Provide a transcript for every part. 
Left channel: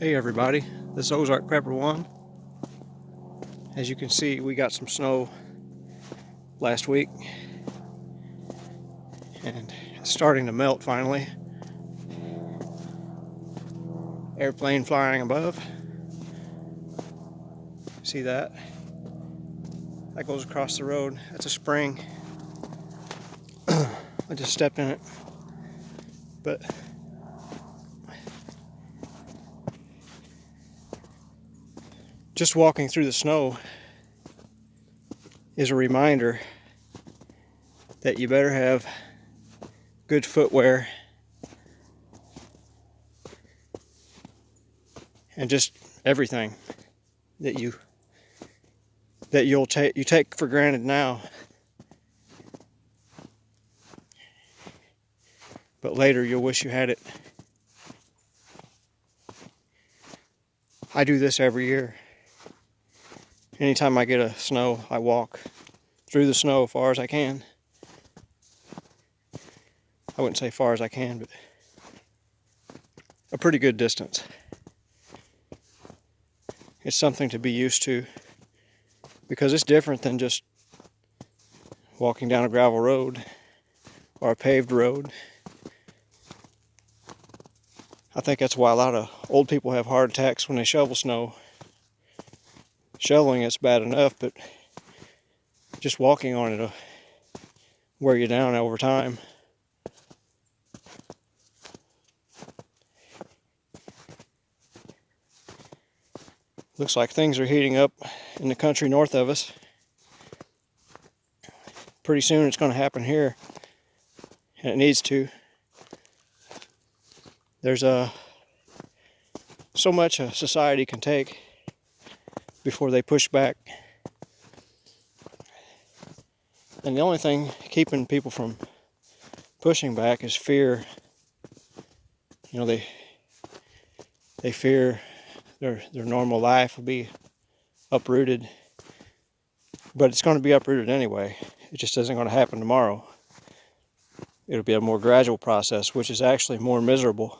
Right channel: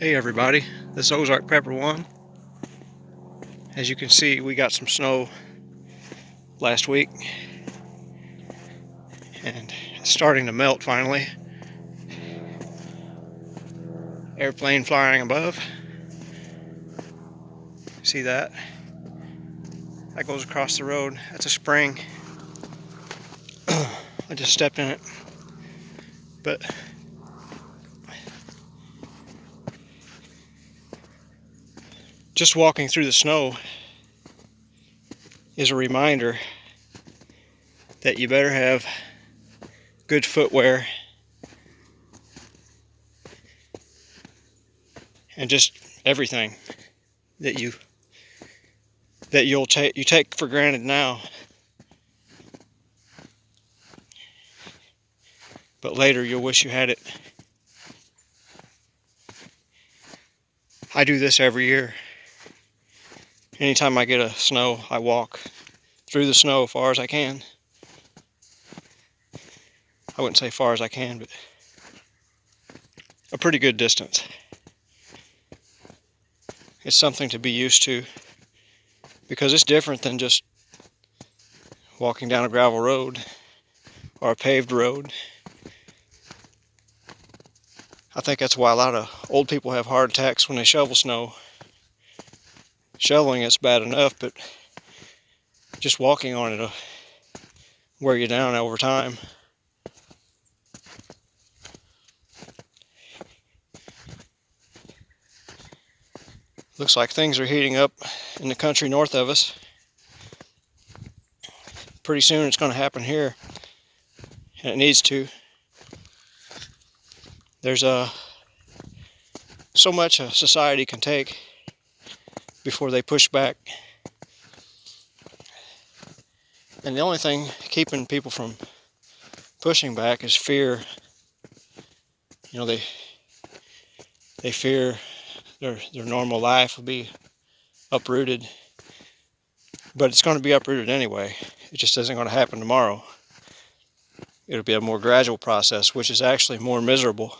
Hey everybody, this is Ozark Pepper 1. As you can see, we got some snow last week and it's starting to melt finally. Airplane flying above. See that? That goes across the road. That's a spring. I just stepped in it. But just walking through the snow is a reminder that you better have good footwear and just everything that you take for granted now, but later you'll wish you had it. I do this every year. Anytime I get a snow, I walk through the snow as far as I can. I wouldn't say far as I can, but a pretty good distance. It's something to be used to because it's different than just walking down a gravel road or a paved road. I think that's why a lot of old people have heart attacks when they shovel snow. Shoveling it's bad enough, but just walking on it'll wear you down over time. Looks like things are heating up in the country north of us. Pretty soon it's going to happen here, and it needs to. There's so much a society can take before they push back. And the only thing keeping people from pushing back is fear. You know, they fear their normal life will be uprooted. But it's going to be uprooted anyway. It just isn't going to happen tomorrow. It'll be a more gradual process, which is actually more miserable.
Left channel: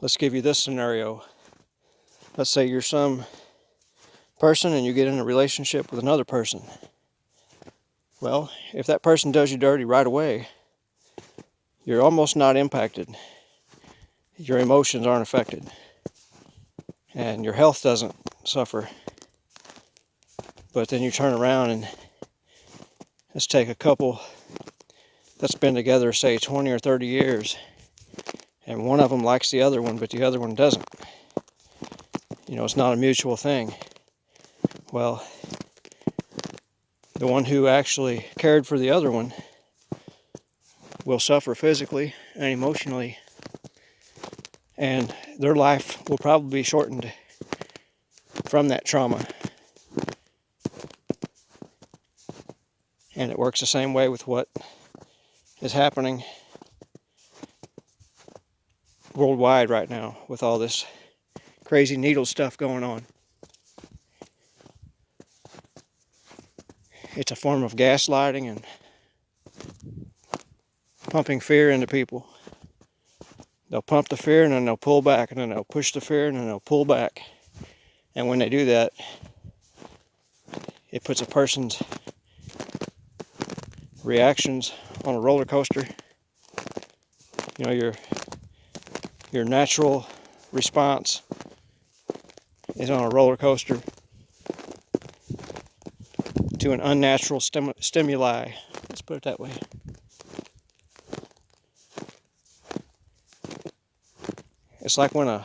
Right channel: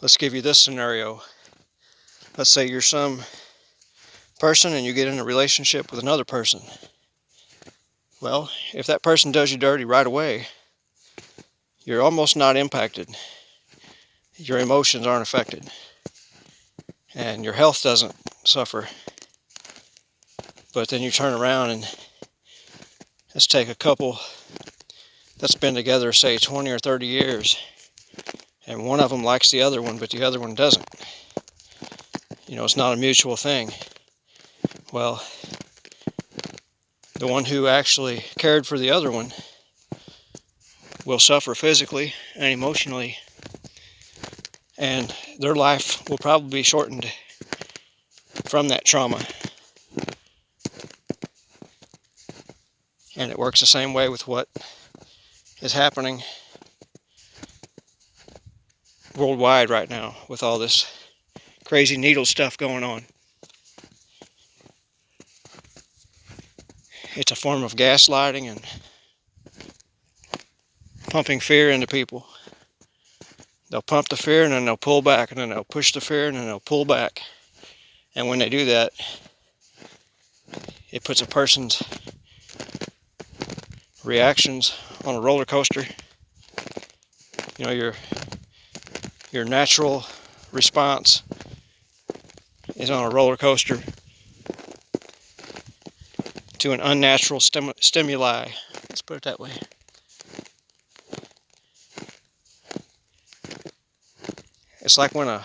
Let's give you this scenario. Let's say you're some person and you get in a relationship with another person. Well, if that person does you dirty right away, you're almost not impacted. Your emotions aren't affected. And your health doesn't suffer. But then you turn around and let's take a couple that's been together, say 20 or 30 years, and one of them likes the other one, but the other one doesn't. You know, it's not a mutual thing. Well, the one who actually cared for the other one will suffer physically and emotionally, and their life will probably be shortened from that trauma. And it works the same way with what is happening worldwide right now with all this crazy needle stuff going on. It's a form of gaslighting and pumping fear into people. They'll pump the fear and then they'll pull back, and then they'll push the fear and then they'll pull back. And when they do that, it puts a person's reactions on a roller coaster. You know, your natural response is on a roller coaster to an unnatural stimuli. Let's put it that way. It's like when a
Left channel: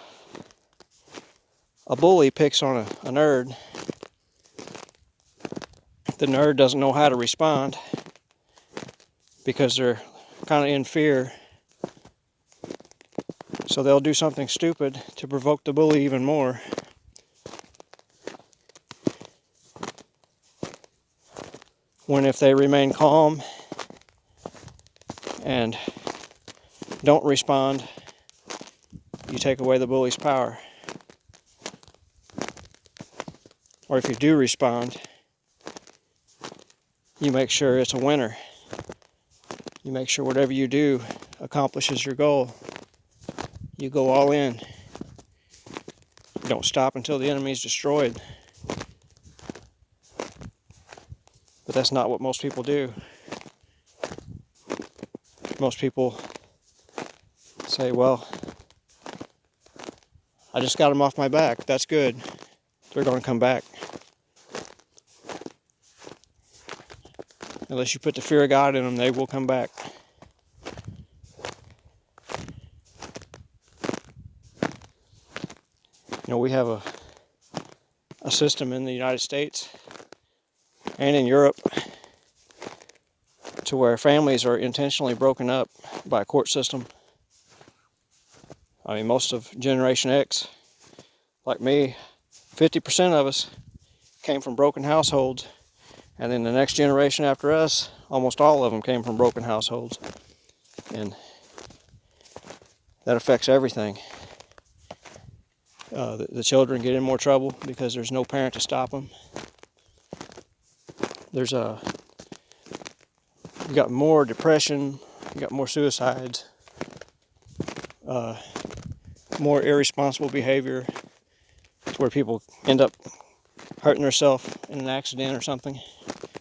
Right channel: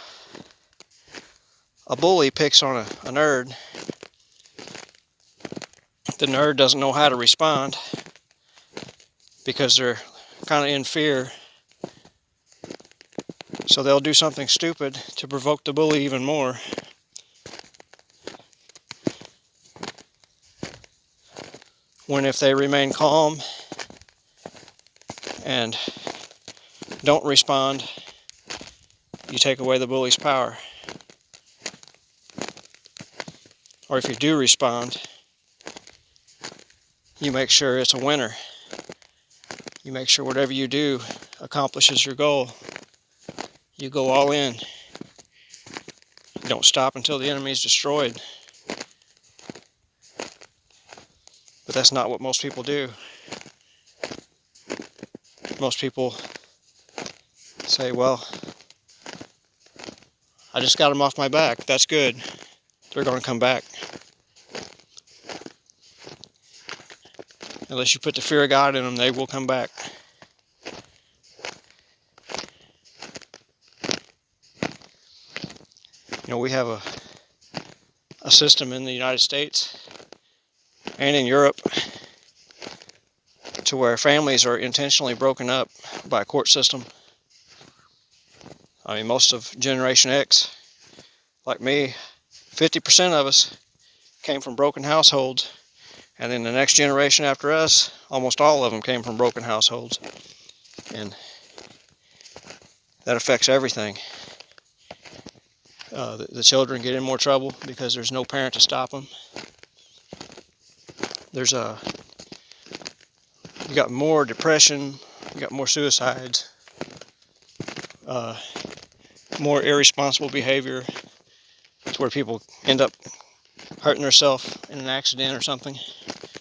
bully picks on a nerd. The nerd doesn't know how to respond because they're kind of in fear. So they'll do something stupid to provoke the bully even more. When if they remain calm and don't respond, you take away the bully's power. Or if you do respond, you make sure it's a winner. You make sure whatever you do accomplishes your goal. You go all in. You don't stop until the enemy is destroyed. But that's not what most people do. Most people say, well, I just got them off my back. That's good. They're going to come back. Unless you put the fear of God in them, they will come back. You know, we have a system in the United States and in Europe to where families are intentionally broken up by a court system. I mean, most of Generation X, like me, 50% of us came from broken households. And then the next generation after us, almost all of them came from broken households. And that affects everything. The children get in more trouble because there's no parent to stop them. You got more depression, you got more suicides, more irresponsible behavior. It's where people end up hurting themselves in an accident or something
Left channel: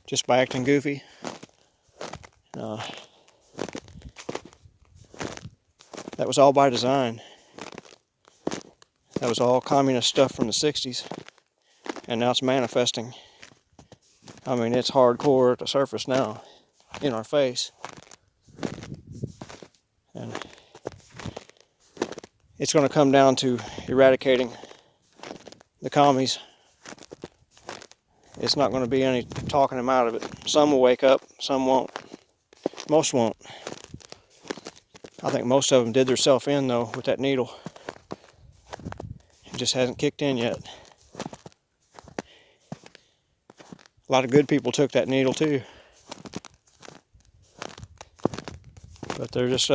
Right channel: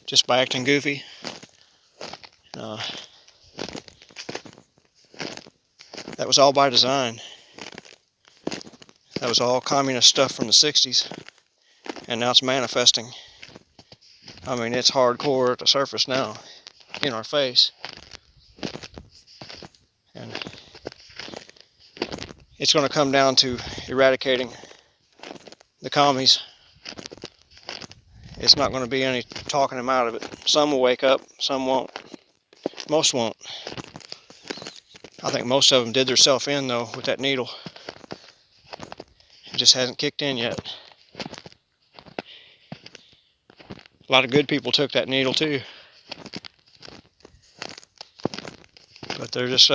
just by acting goofy. That was all by design. That was all communist stuff from the 60s, and now it's manifesting. I mean, it's hardcore at the surface now, in our face. And it's going to come down to eradicating the commies. It's not going to be any talking them out of it. Some will wake up, some won't. Most won't. I think most of them did themselves in, though, with that needle. It just hasn't kicked in yet. A lot of good people took that needle, too. But they're just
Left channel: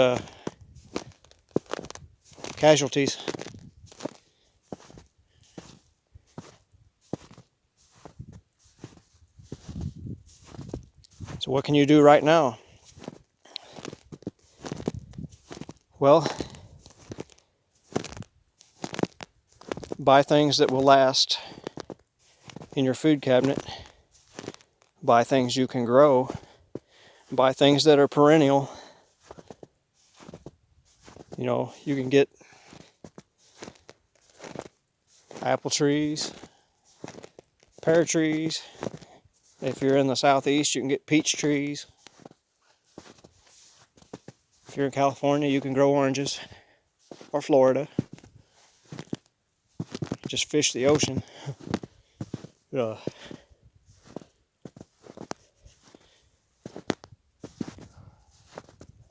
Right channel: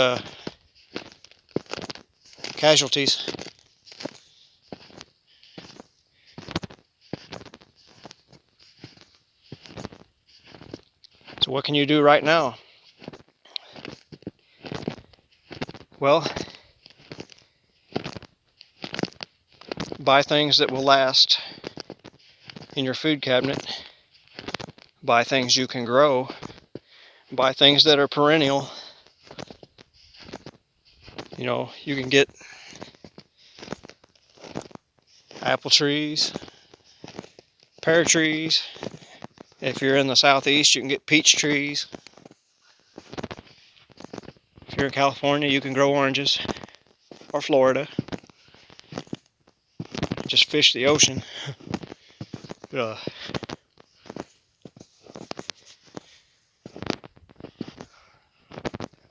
casualties. So what can you do right now? Well, buy things that will last in your food cabinet. Buy things you can grow. Buy things that are perennial. You know, you can get apple trees, pear trees. If you're in the southeast, you can get peach trees. If you're in California, you can grow oranges, or Florida. Just fish the ocean.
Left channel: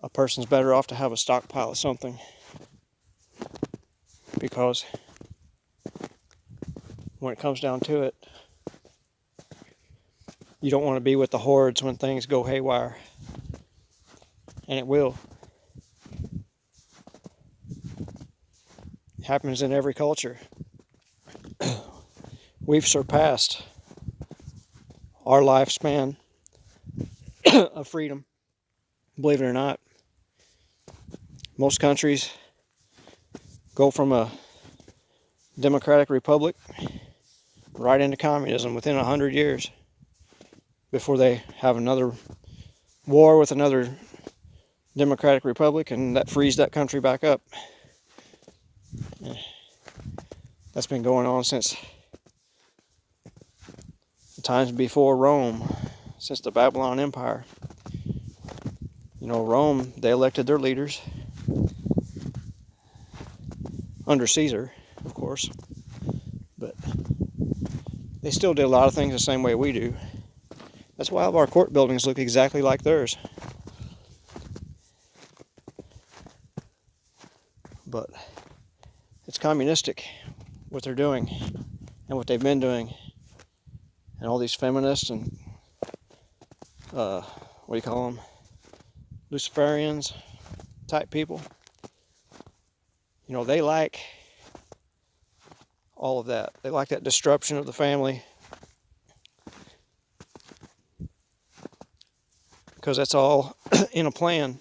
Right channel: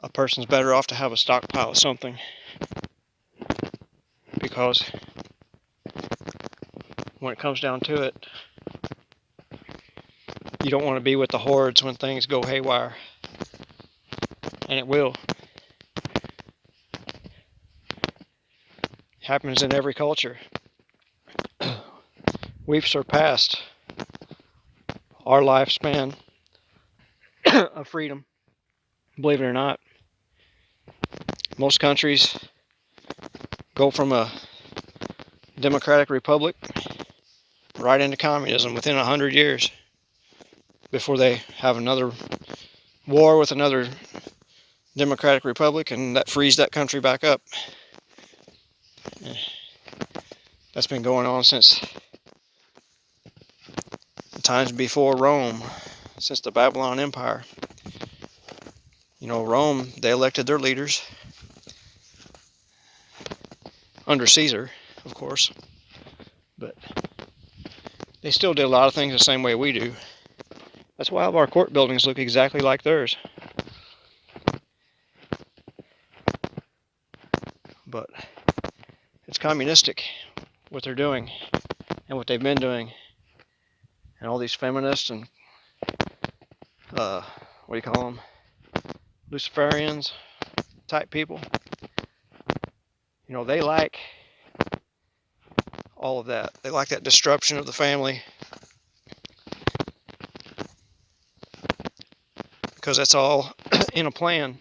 A person's better off to have a stockpile of something, because when it comes down to it, you don't want to be with the hordes when things go haywire. And it will. It happens in every culture. We've surpassed our lifespan of freedom, believe it or not. Most countries go from a democratic republic right into communism within 100 years before they have another war with another democratic republic, and that frees that country back up. That's been going on since the times before Rome, since the Babylon Empire. You know, Rome, they elected their leaders under Caesar, of course, but they still did a lot of things the same way we do. That's why all of our court buildings look exactly like theirs. But it's communistic, what they're doing and what they've been doing. And all these feminists and, what do you call them? Luciferians type people. You know, they like all of that. They like that disruption of the family. Because that's all in a plan.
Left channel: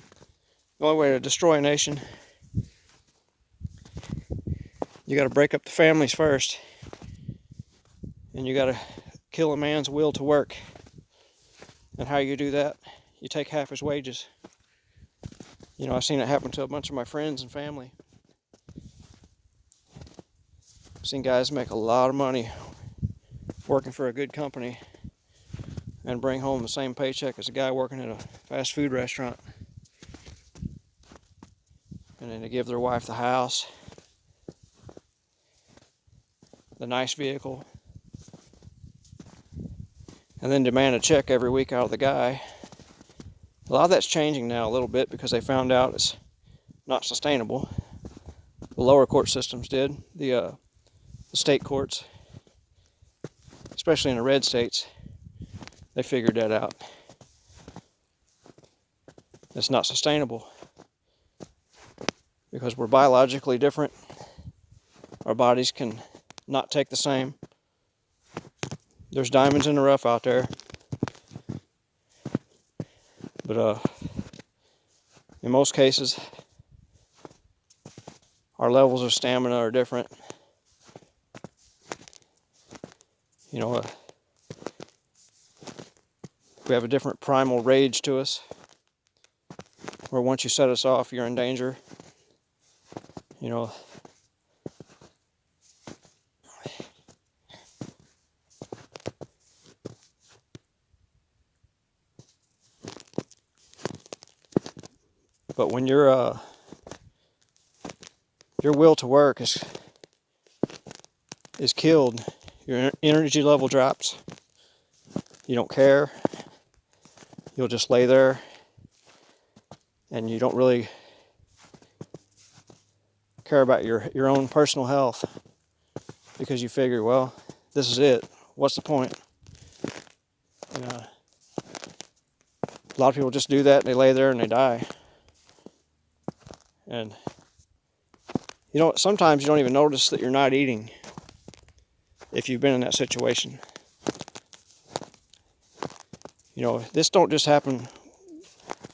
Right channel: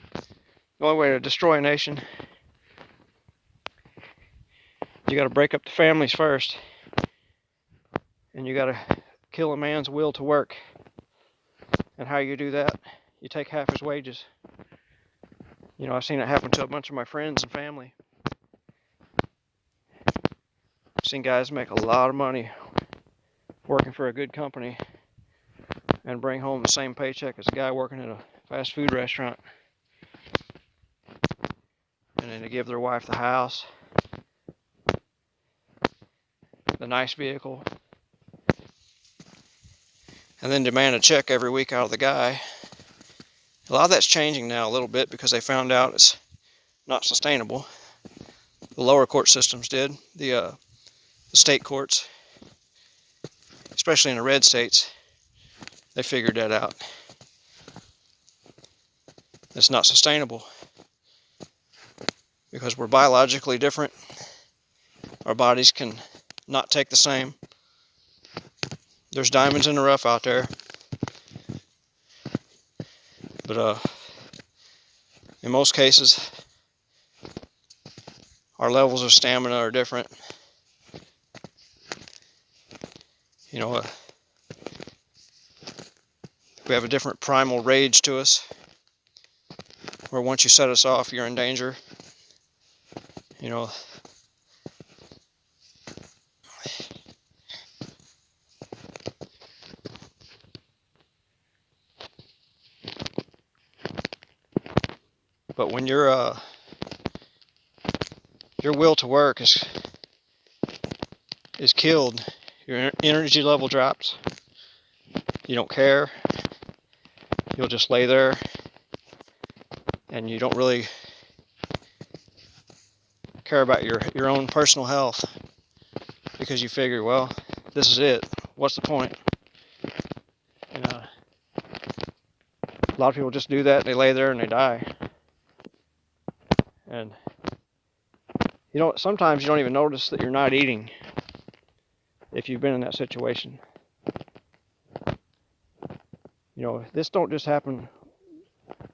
The only way to destroy a nation You got to break up the families first, and you got to kill a man's will to work. And how you do that? You take half his wages. You know, I've seen it happen to a bunch of my friends and family. I've seen guys make a lot of money working for a good company and bring home the same paycheck as a guy working at a fast food restaurant. And then they give their wife the house, the nice vehicle, and then demand a check every week out of the guy. A lot of that's changing now a little bit because they found out it's not sustainable. The lower court systems did. The state courts, especially in the red states, they figured that out. It's not sustainable because we're biologically different. Our bodies can not take the same. There's diamonds in the rough out there. But in most cases, our levels of stamina are different. You know, we have a different primal rage to us, where once you set us off, you're in danger. You know, but when your will to work is killed, your energy level drops. You don't care. You'll just lay there, and you don't really care about your own personal health because you figure, well, this is it. What's the point? And, a lot of people just do that. They lay there and they die. And you know, sometimes you don't even notice that you're not eating if you've been in that situation. You know, this don't just happen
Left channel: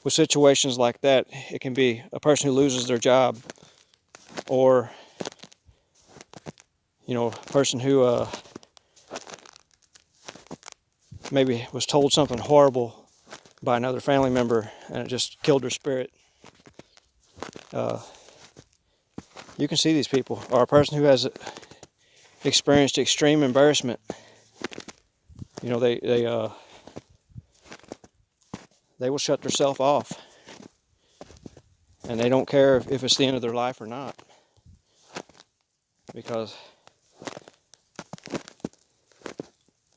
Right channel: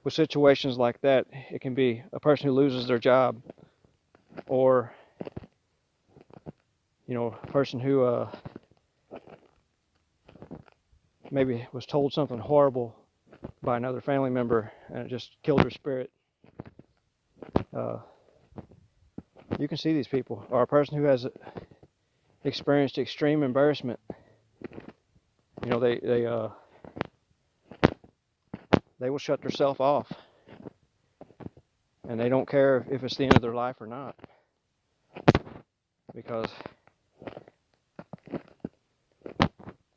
with situations like that. It can be a person who loses their job, or you know, a person who maybe was told something horrible by another family member and it just killed their spirit. You can see these people, or a person who has experienced extreme embarrassment. You know, they will shut themselves off, and they don't care if it's the end of their life or not, because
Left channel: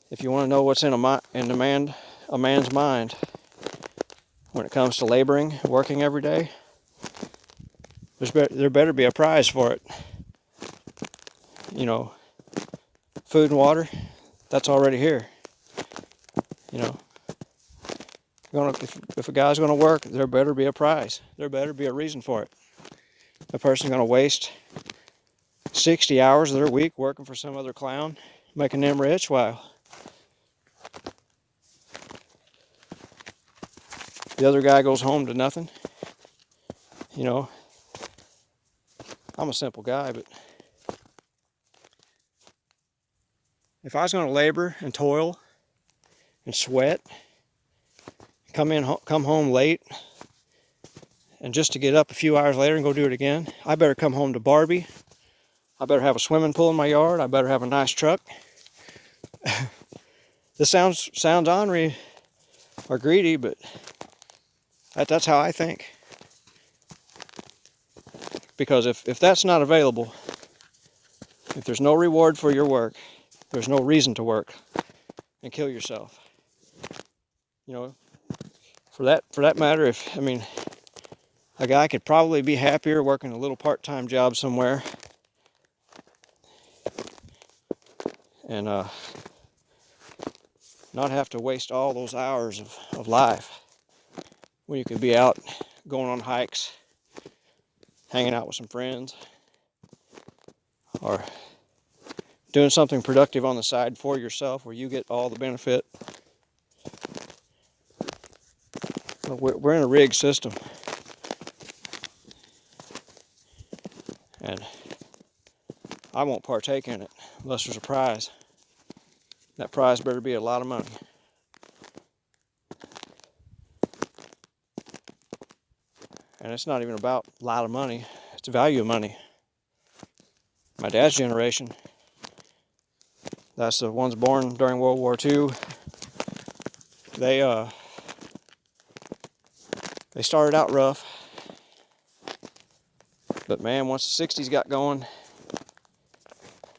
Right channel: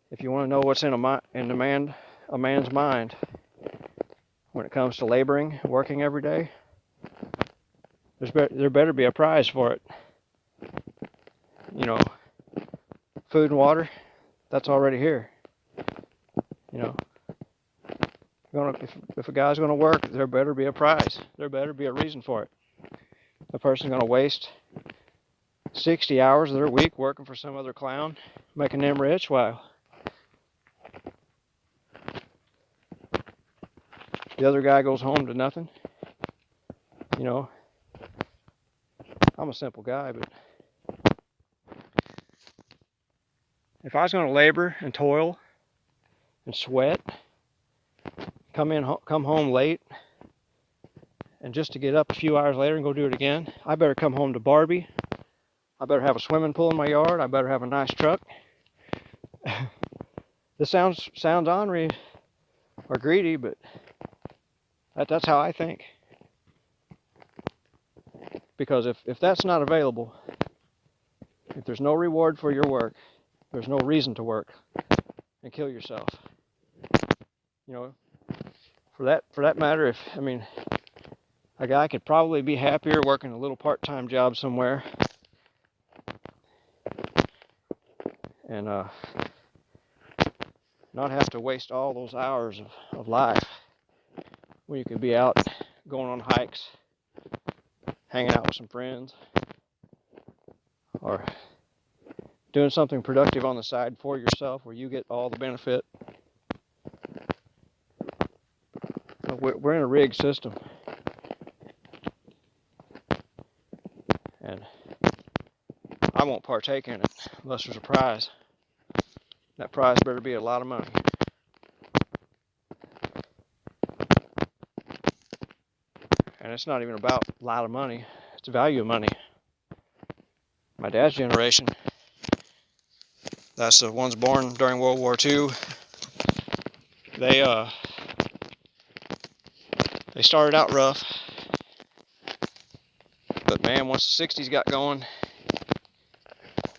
if you want to know what's in a man's mind when it comes to laboring, working every day, there better be a prize for it. You know, food and water, that's already here. You know, if a guy's going to work, there better be a prize. There better be a reason for it. A person's going to waste 60 hours of their week working for some other clown, making them rich. Wow. The other guy goes home to nothing. You know, I'm a simple guy, but if I was going to labor and toil and sweat, come home late, and just to get up a few hours later and go do it again, I better come home to Barbie. I better have a swimming pool in my yard. I better have a nice truck. This sounds ornery or greedy, but that's how I think. Because if that's not available, if there's no reward for your work, there's no reason to work and kill yourself. You know, for that matter, a guy could probably be happier working a little part-time job somewhere and not have to waste all those hours of life when you could be out going on hikes, hanging out with some friends, or doing something productive on the side for yourself where you get all the benefit. We're in a rigged system, and I won't partake in it unless there's a prize. That prize better be a lot of money. And it's not even about a lot of money, it's the value of money. My dad's generation, that's the ones born during World War II, they started out rough, but man, once the 60s got going,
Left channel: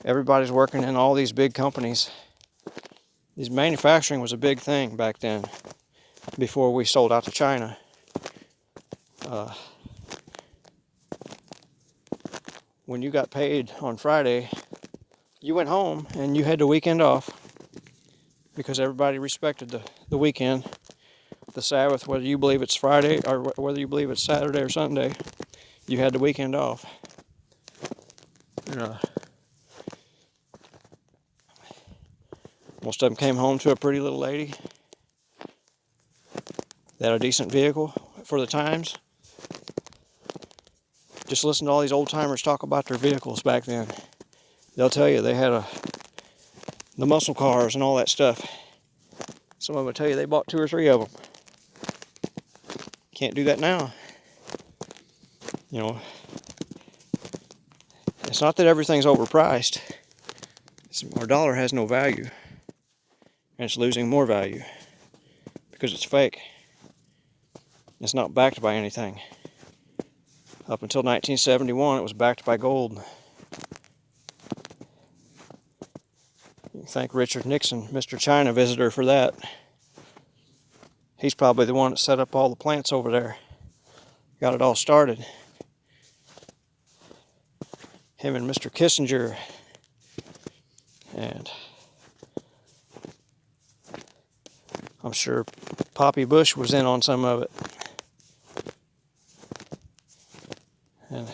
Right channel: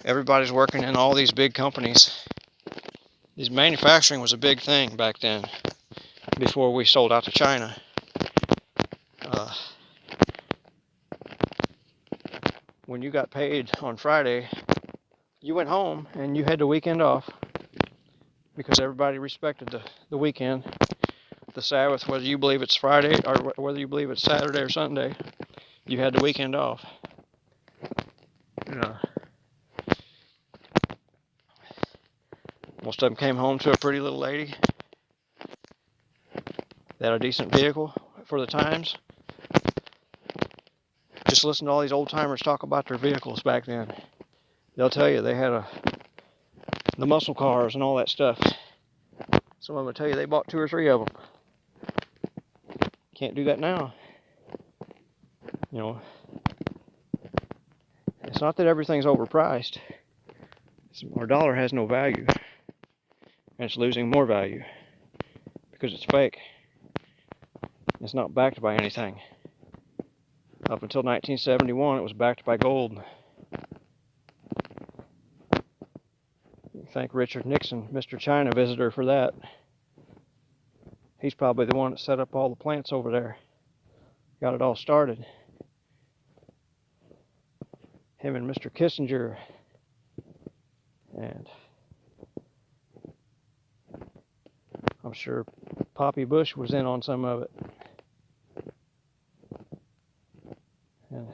everybody's working in all these big companies. Manufacturing was a big thing back then, before we sold out to China. When you got paid on Friday, you went home and you had the weekend off, because everybody respected the weekend, the Sabbath, whether you believe it's Friday or whether you believe it's Saturday or Sunday, you had the weekend off. Most of them came home to a pretty little lady. They had a decent vehicle for the times. Just listen to all these old timers talk about their vehicles back then. They'll tell you they had the muscle cars and all that stuff. Some of them will tell you they bought 2 or 3 of them. Can't do that now. It's not that everything's overpriced. Our dollar has no value, and it's losing more value because it's fake. It's not backed by anything. Up until 1971, it was backed by gold. You thank Richard Nixon, Mr. China visitor, for that. He's probably the one that set up all the plants over there. Got it all started. Him and Mr. Kissinger. And I'm sure Poppy Bush was in on some of it. And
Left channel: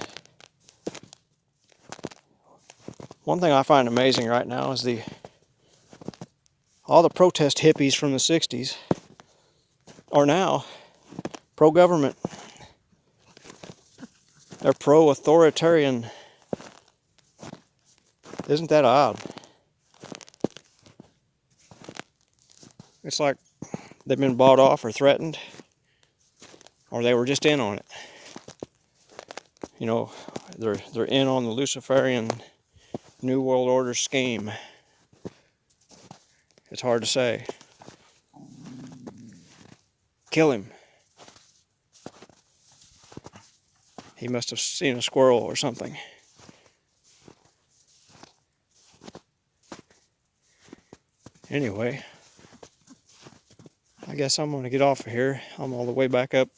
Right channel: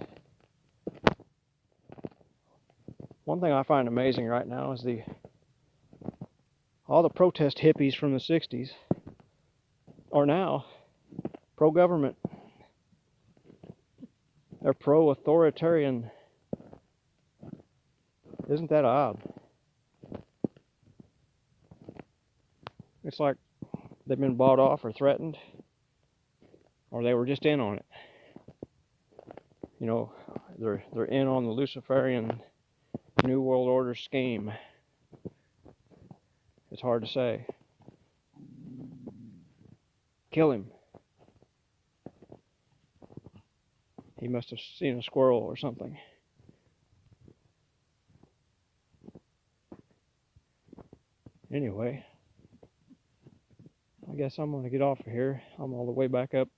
one thing I find amazing right now is all the protest hippies from the 60s are now pro-government. They're pro-authoritarian. Isn't that odd? It's like they've been bought off or threatened, or they were just in on it. They're in on the Luciferian New World Order scheme. It's hard to say. Kill him. He must have seen a squirrel or something. Anyway, I guess I'm going to get off of here. I'm all the way back up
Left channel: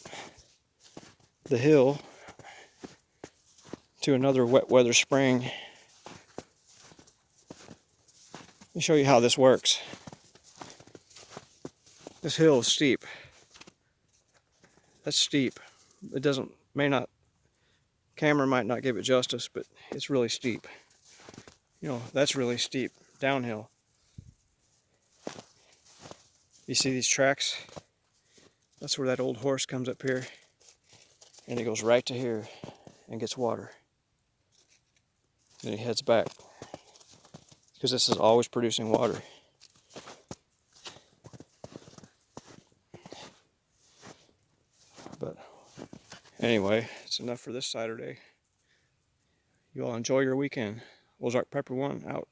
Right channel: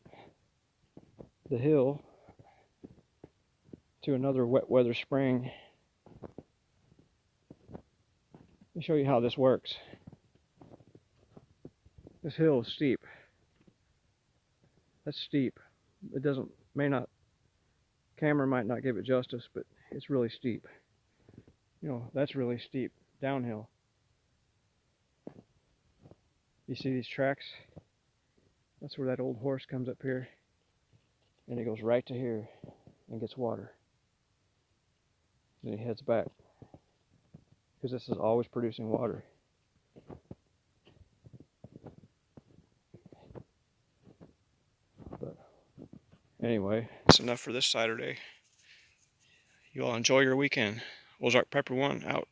the hill to another wet weather spring. Let me show you how this works. This hill is steep. That's steep. Camera might not give it justice, but it's really steep. That's really steep, downhill. You see these tracks? That's where that old horse comes up here, and he goes right to here and gets water. Then he heads back, because this is always producing water. But anyway, it's enough for this Saturday. You all enjoy your weekend. Ozark Pepper 1 out.